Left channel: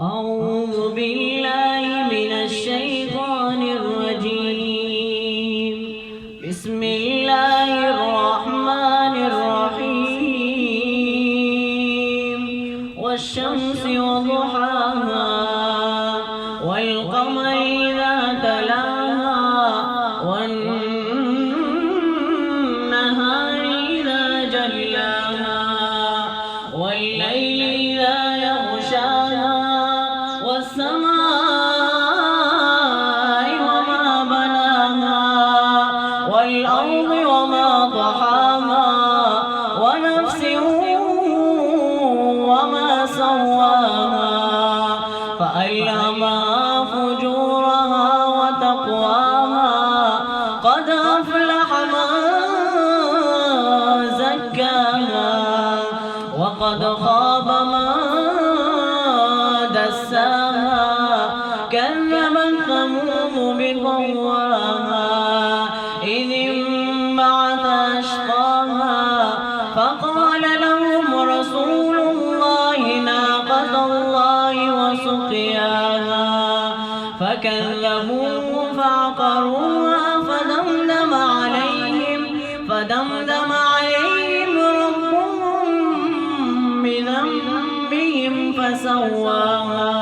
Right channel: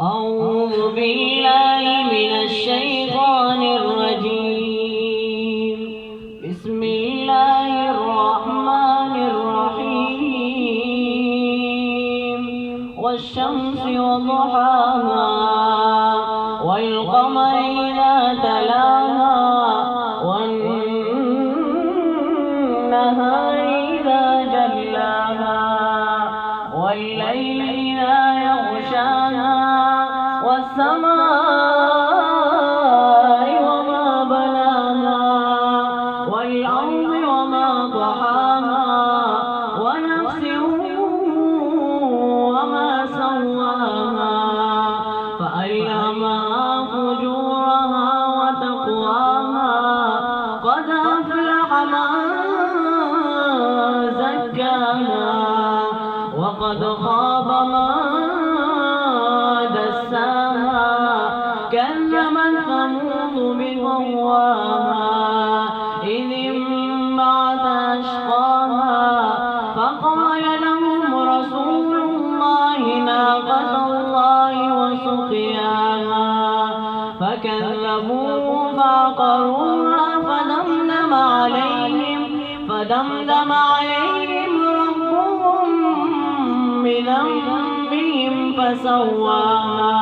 أعوذ بالله من الشيطان الرجيم. بسم الله الرحمن الرحيم. والشمس وضحاها والقمر إذا تلاها والنهار إذا جلاها والليل إذا يغشاها والسماء وما بناها والأرض وما طحاها ونفس وما سواها فألهمها فجورها وتقواها قد أفلح من زكاها وقد خاب من دساها كذبت ثمود بطغواها إذ انبعث أشقاها فقال لهم رسول الله ناقة الله وسقياها فكذبوه فعقروها فدمدم عليهم ربهم بذنبهم فسواها